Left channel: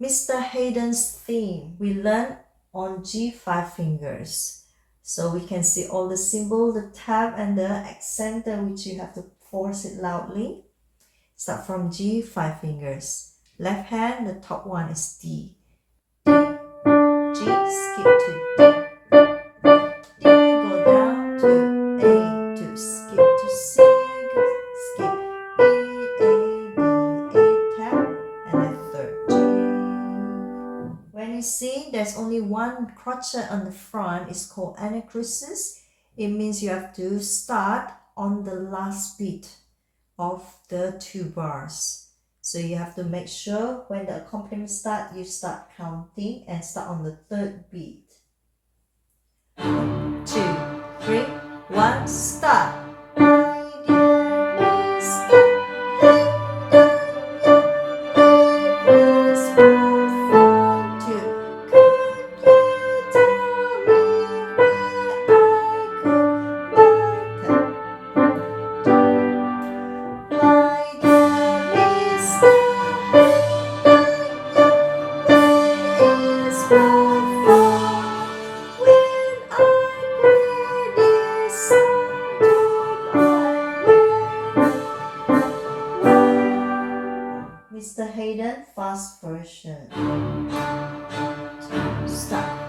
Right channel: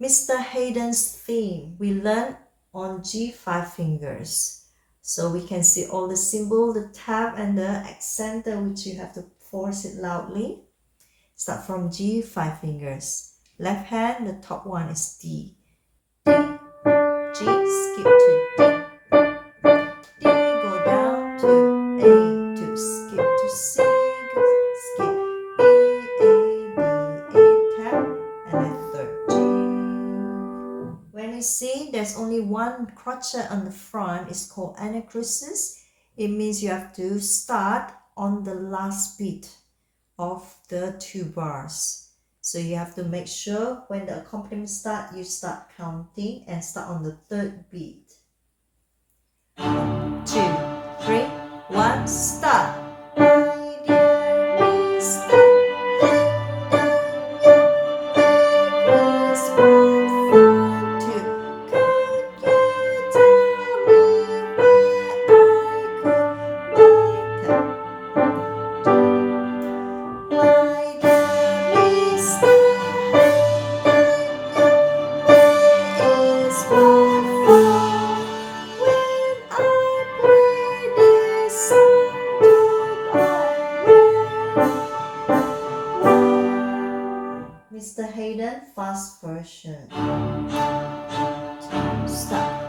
Mr. Haydn's theme we learned on G5 fingers. So we can see all the symbol, the tab and the accenter, which you have to force it loudly. Start from G5 fingers. Left hand, the top one is D. D, G, skip to D. D, go down to A, to skip to C, skip B, A, B, A, tap, and a third G. When you see there's only one crotchet on the front, it's called anacrusis. It means you have to start on the last beat of the 2 bars. So you have to make sure when the accompaniment starts, you start counting and start on the 3rd beat. 1, 2, 3, 1, start. Mr. Haydn fast version. Start.